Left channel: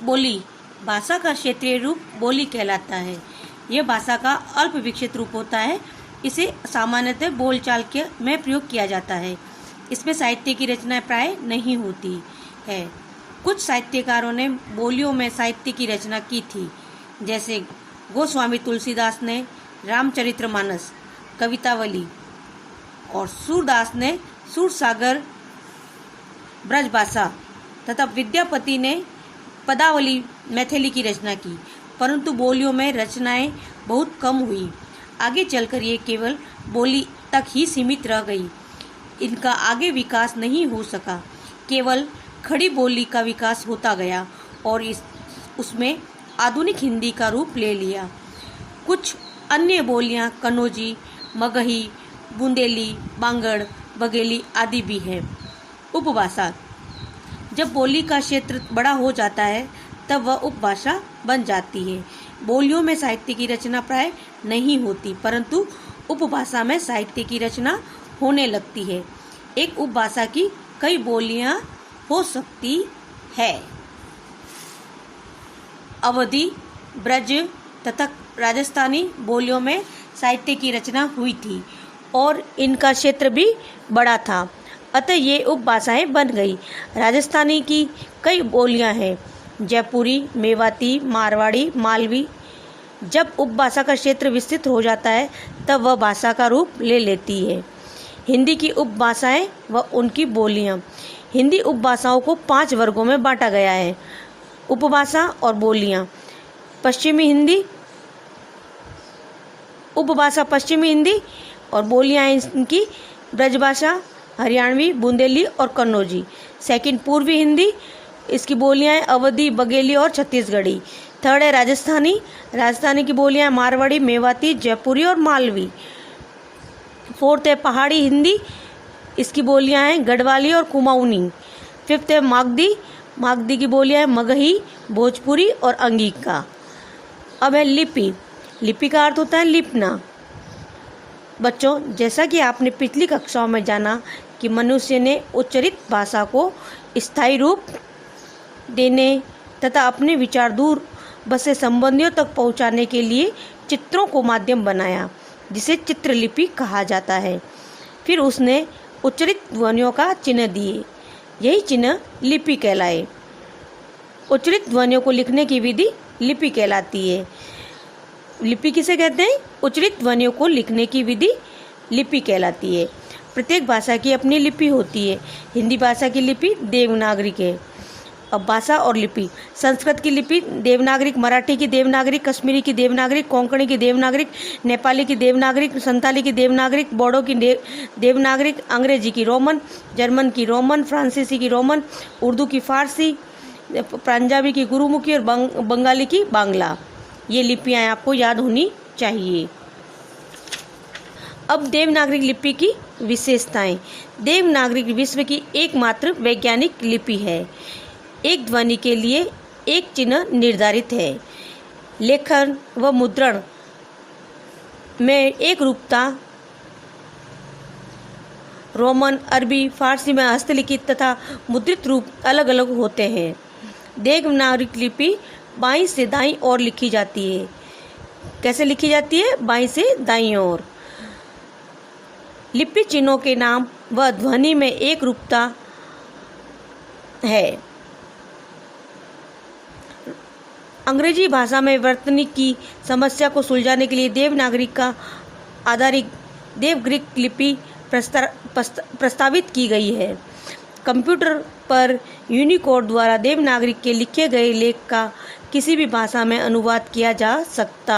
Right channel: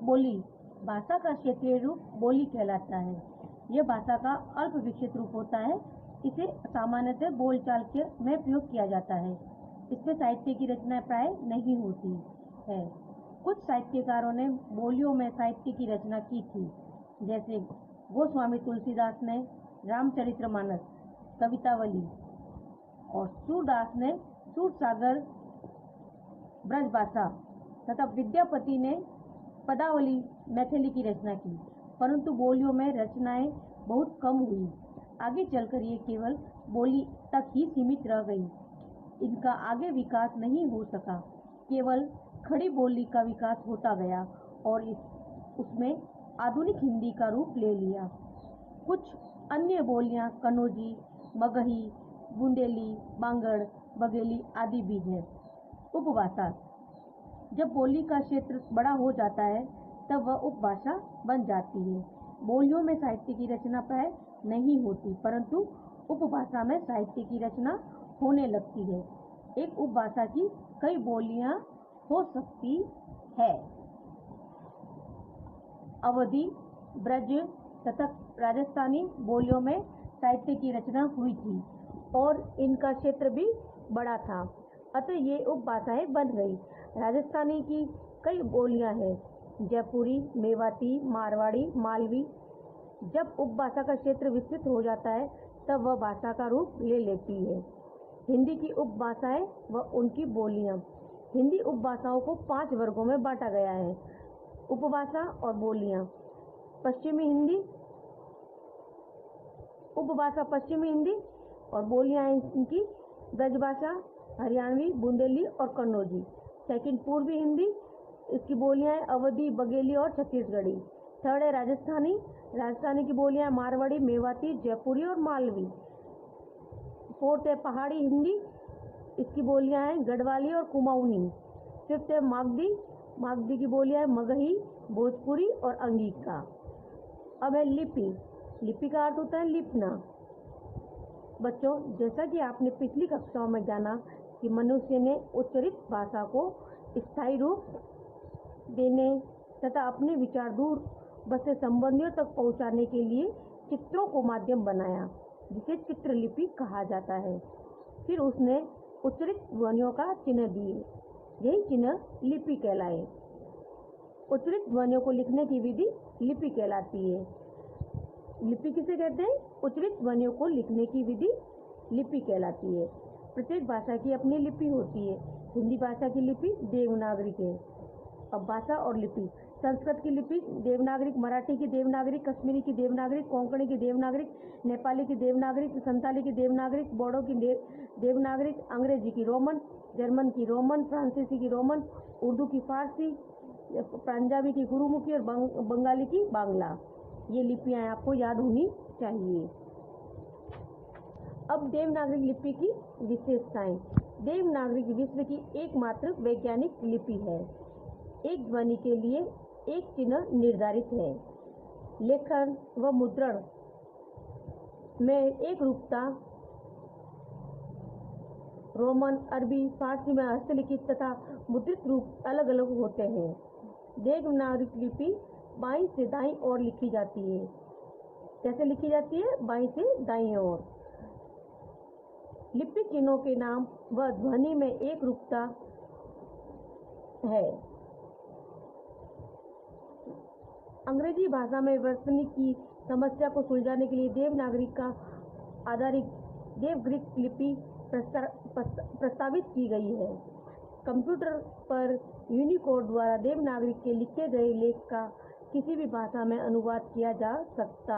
बोली भाषा का क्षेत्रीय रूप बोली कहलाता है। यह भाषा का अल्प विकसित रूप होता है। इसे सामान्यतः बोलचाल के में प्रयोग किया जाता है। इसमें साहित्य की रचना प्राय नहीं होती है। कुछ साहित्यकारों ने बोलियों में साहित्य की रचना की थी, जैसे गोस्वामी तुलसीदास ने रामचरितमानस, कवितावली, और सूरदास ने सूरसागर ब्रजभाषा तथा विद्यापति ने पदावली मैथिली की रचना की, परंतु बोलियों में रचनाएं बहुत कम हुई। आगे चलकर ये केवल बोली तक ही सीमित रह गई। इनका आगे विकास नहीं हो सका। केवल खड़ी बोली का विकास होता गया और उसमें आधुनिक हिंदी का रूप ले लिया। कुछ अन्य बोलियां कन्नौजी, मगही, बुंदेली, बांगड़, बघेली आदि भी हैं। उपभाषा: जब बोली का क्षेत्र बड़ा हो जाता है तब वह उपभाषा बन जाती है। बोलियों में साहित्य की रचना प्राय नहीं होती, परंतु उपभाषा में साहित्य की रचना होने लगती है। एक उपभाषा की कई बोलियां हो सकती है। अवधी, ब्रज तथा राजस्थानी बोलियों में साहित्य की रचना हुई थी और इनका क्षेत्र भी बड़ा था, अतः ये उपभाषाएं बन गई। राजस्थानी की कई बोलियां हैं, जयपुरी, मेवाती, मारवाड़ी, मालवी। जब उपभाषा का क्षेत्र विस्तृत हो जाता है तब वह भाषा का रूप ले लेती है। हिंदी की उपभाषाएं व उनकी बोलियां। हिंदी उपभाषाओं को 5 वर्गों में बांटा गया है। उपभाषा और बोलियां: पश्चिमी हिंदी, उपभाषा पश्चिमी हिंदी और बोलियां इनकी ब्रजभाषा, हरियाणवी, बुंदेली और कन्नौजी। सेकंड, पूर्वी हिंदी, इसकी बोलियां अवधी, बघेली और छत्तीसगढ़ी। थर्ड है राजस्थानी, राजस्थानी की बोलियां मारवाड़ी, मेवाती, जयपुरी और मालवी। फोर्थ है पहाड़ी हिंदी, इसकी बोलियां हैं गढ़वाली और कुमाऊनी। फिफ्थ है मागधी, मागधी की बोलियां हैं मगही, भोजपुरी और अंगिका। अब है लिपि, लिपि का अर्थ होता है लिपना। बच्चों, जैसा कि आपने पिछली कक्षाओं में जाना कि मनुष्य ने उच्चरित भाषा को स्थायी रूप देने तथा अपने विचार दूर बसे संबंधियों तक पहुंचाने के लिए चित्रों को माध्यम बनाया, जिसे चित्रलिपि कहा जाता है। फिर उसने उच्चरित ध्वनियों का चिन्ह दिए, यही चिन्ह लिपि कहलाए। उच्चरित ध्वनियों को लिखने की विधि लिपि कहलाती है। लिपि किसे कहते हैं? उच्चरित ध्वनियों को लिखने की विधि लिपि कहलाती है। प्रत्येक भाषा की अपनी लिपि होती है। हिंदी भाषा की लिपि देवनागरिक है। अब भाषा और लिपि: संस्कृत की लिपि देवनागरिक, मराठी की देवनागरिक, कश्मीरी की देवनागरिक, कोंकणी की देवनागरिक, नेपाली की देवनागरिक, संताली की देवनागरिक, बोडो की देवनागरिक, अंग्रेजी की रोमन, जर्मन की रोमन, फ्रांसीसी की रोमन, उर्दू की फारसी, पंजाबी की गुरुमुखी और बंगाली की बांग्ला। ये लिपियां आपको याद होनी चाहिए। अब देवनागरिक लिपि की विशेषताएं। देवनागरिक विश्व की एकमात्र वैज्ञानिक लिपि है। एक ध्वनि के लिए एक चिन्ह निर्धारित है। लेखन व मुद्रण में एक रूपता रोमन, अरबी, फारसी में हस्तलिखित तथा मुद्रित रूप अलग अलग होते हैं। देवनागरिक लिपि बाईं से दाईं ओर लिखी जाती है। कैसे लिखी जाती है? बाईं से दाईं ओर। लिपि चिन्हों के नाम व ध्वनि में एक रूपता है। अंग्रेजी भाषा में वर्तनी की समस्या को सुलझाने के लिए देवनागरिक का आधारित देवग्रीक लिपि प्रस्तावित की गई है। कंप्यूटर पर यूनिकोड द्वारा देवनागरिक के लिखे गए लेख का किसी भी भाषा में अनुवाद किया जा सकता